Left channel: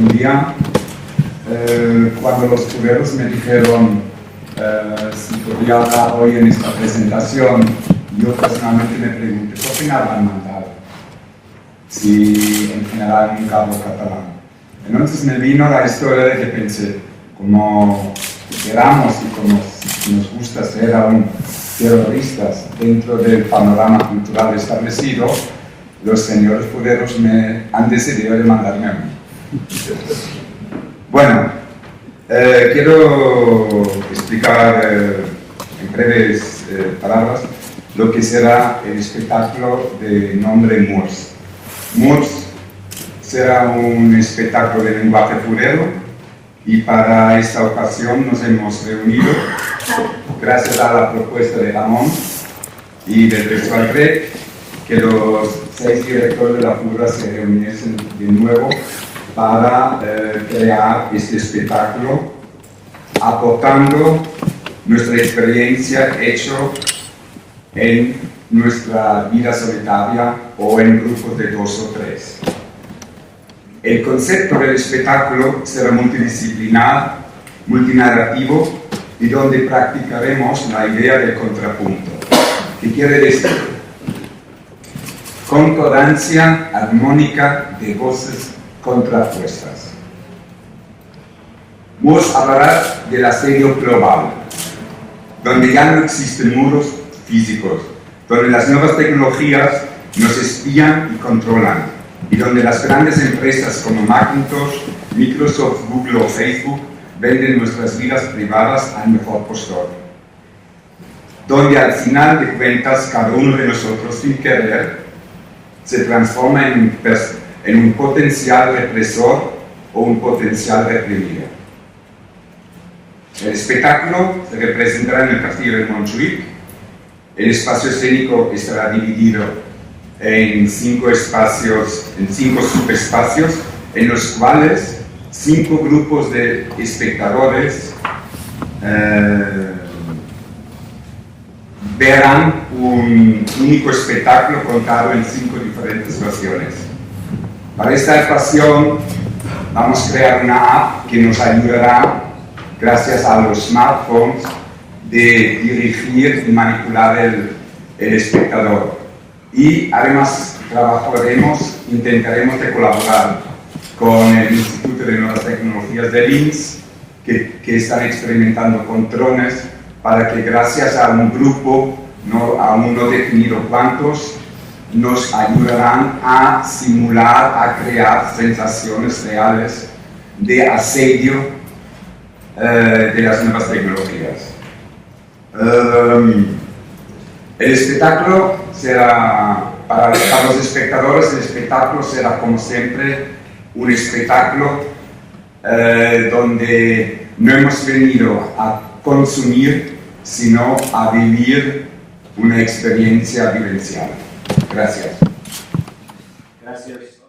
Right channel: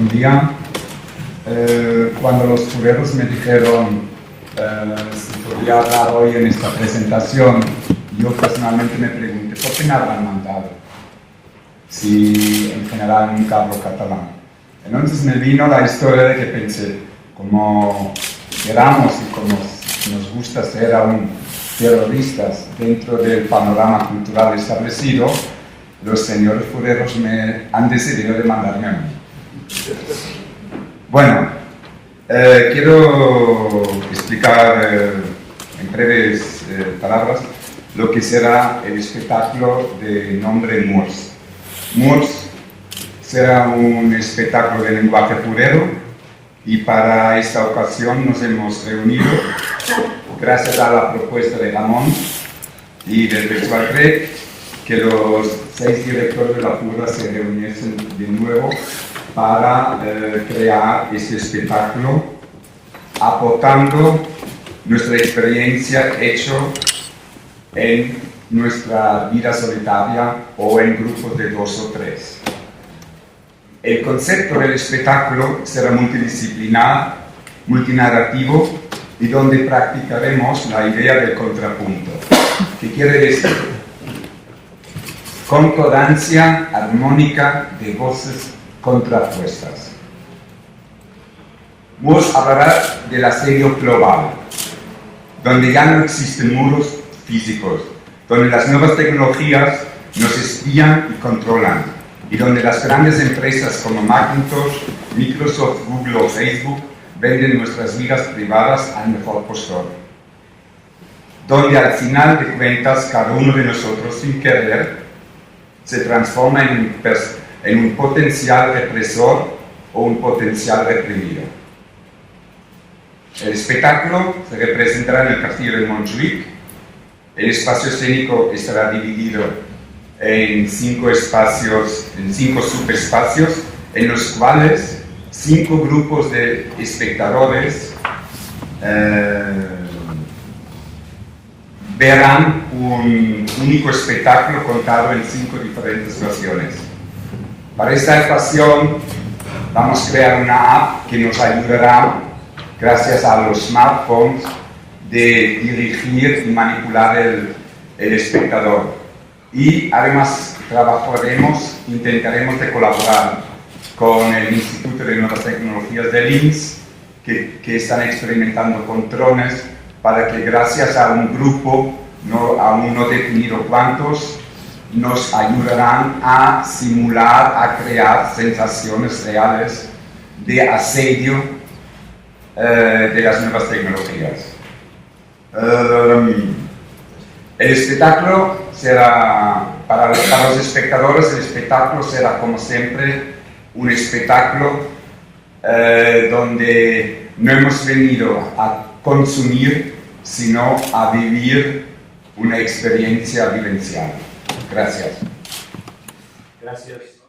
un día, cuando los fureros me dijeron si podía hablar hoy en esta presentación, yo personalmente me pregunté, ¿por qué me habrán mandado? Si en general nunca hablo catalán. Entonces me vino la historia de que pensé, como queramos y como nos gusta ser aún terroristas dentro del panorama cultural establecido, los señores fureros me han decidido de mandarme a mí. Bueno, quiero explicar en breves palabras lo que será el espectáculo de nombre Moors. Moors será un espectáculo de lenguaje furero y para esta ocasión nos hemos reunido gracias a la propuesta de Ramón y del Festival Crec, que los 6 directores de la FURA se reuniesen de nuevo para crear este espectáculo, aportando nuestra experiencia hecho en nuestra vida solitaria o en grupos de 2 o 3. El concepto del espectáculo será multidisciplinar, multinarrativo y donde practicaremos la idea del contrapunto, que quiere decir concordancia armónica de voces contrapuestas. Moors hablará del asedio global, donde ya no existen muros físicos, donde las nuevas tecnologías nos espían y controlan, y donde las grandes empresas como Macintosh, Microsoft, Google o Facebook venden nuestras vidas privadas al mejor postor. Donde al final de cuentas cada uno de nosotros sin querer se transforma en un potencial represor o un potencial reprimido. El espectáculo se representará en el Castillo de Montjuïc. El espacio escénico estará dividido en 5 subespacios, en los cuales 5 grupos de espectadores verán un único espectáculo contado en 5 diferentes versiones. Para esta ocasión vamos a crear una app que nos ayudará, gracias a los smartphones, de dirigir y manipular el espectador. Y además intentaremos de colaborar con el Instituto de Nuevas Tecnologías de Linz, que están experimentando con drones, para que gracias a un grupo, aún no definido cuántos, nos ayudarán a simular, a crear sensaciones reales de asedio de las nuevas tecnologías. El espectáculo será, para los espectadores, el espectáculo será como siempre un espectáculo donde no hemos venido a consumir, sino a vivir una experiencia vivencial. Gracias. Gracias.